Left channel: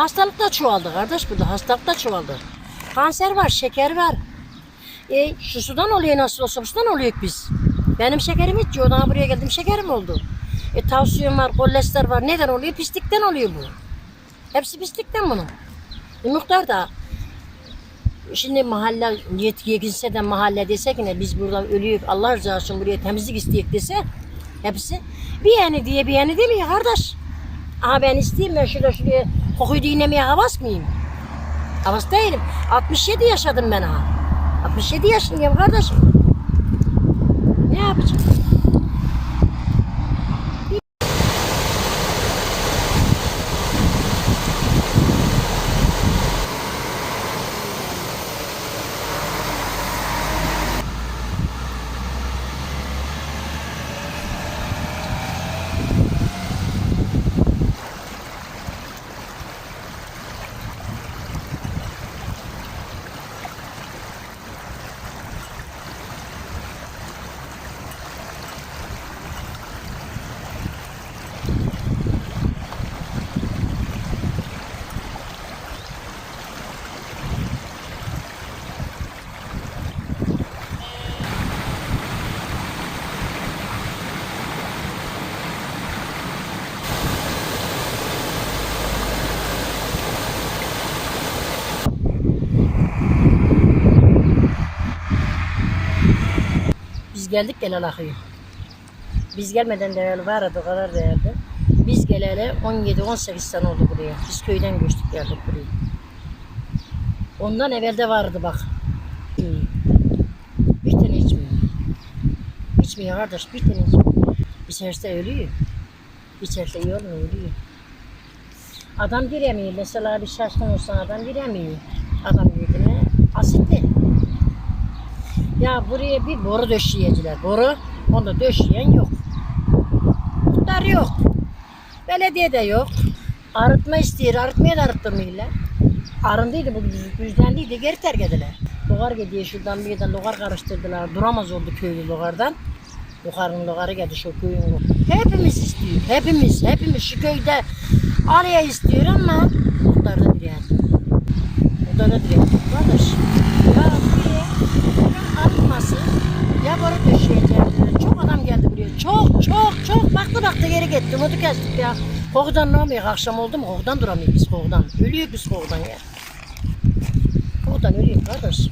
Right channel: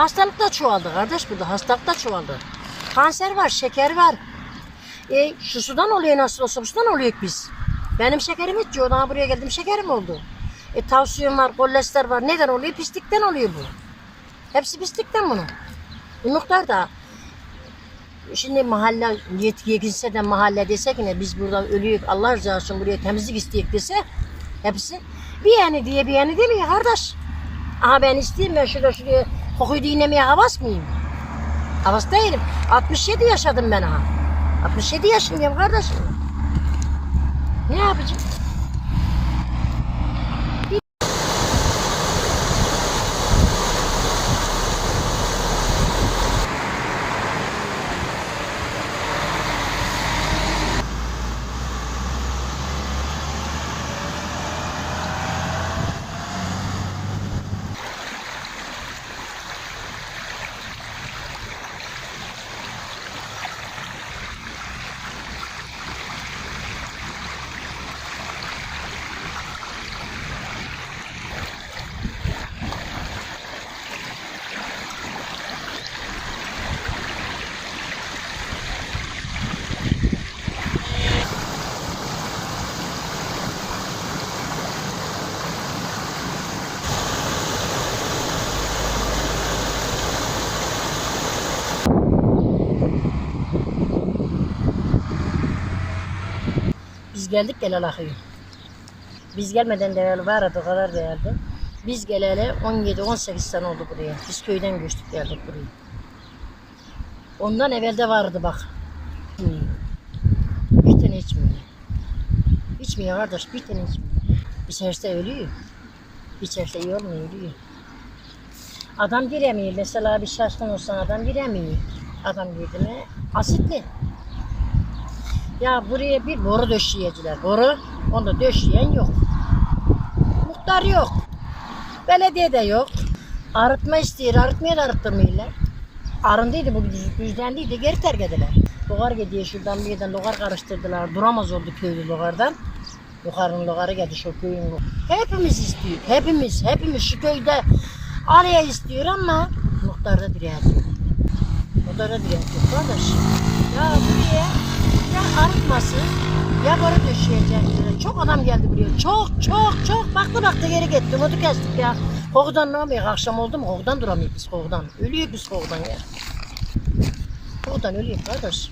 Hastalık da çoğaldı kardeş burada. Hastalık da çoğaldı. Kanser var, şeker var. E, şu sudan oluyor nasıl olsa bu sudan oluyor biz. Benim şekerim hiç yok. Daha buraya geldim şekerim oldu. E, tavsiyon var, kolesterol var. Neden oluyor? Pislikten oluyor bu. Hepsi pislikten bunun. Bu muhtar da Şimdi mahalle gitse de mahalle desek ne biz burada ölüyük Allah rızası için buraya temizlik isteyek dese hepsi bir yani diye bir yani demiyor kardeş. Aha ben isteyeyim ben şurada şuraya kokuyu dinlemeye havas mıyım? Havas değilim. 67 yaşadım ben ha. 67 yaşındayım kardeşim. Ne yapacağım? Biz geldik gel akıyor. Biz gelmeden de evvel vardı o kadar değerli. Biz geleli 17-18 sene oldu buraya. Biz köyden göçtük geldik buraya. Ondan evvelde vardı bak. Bir tane içmiyor. İçmiyor kardeş bir tane içmiyor. İçerse ölüyor. İçerse iyi olmuyor ölüyor. Adam giremiyor. Mesela bir şaşkın olsan adam giremiyor. Adam girdi mi asitli. Ya buraya bir boru döşeyeciler. Boru. Onda döşeyen yok. Muhtar yok. Belediye de yok. Arıtma istiyor. Arıtmaya da arıttırmıyorlar. Arındıydı bu düz- düzlenliydi. Geri terk ediler. Logar gidiyor şuradan bir yerden logar karıştırdılar. Duramaz oldu köylü logardan. Yukarının logarı geldi şu köyün. Hepimiz istiyor. Hepimiz. Hepimiz şu köyde araya istiyor ama muhtar da direniyor. O da da direkt kardeş. Ya buraya ya arıtması ya boru döşeyeceğim. Çok adam geldi buraya. Çok çok çok. Baktı baktı geri gitti. Umudu kestik ya. Kokudan ne yapıyor? Akşam oldu mu kokudan duramıyoruz biz kokudan. Ölüyor biz kokudan ya. Kokudan ölüyor kardeş.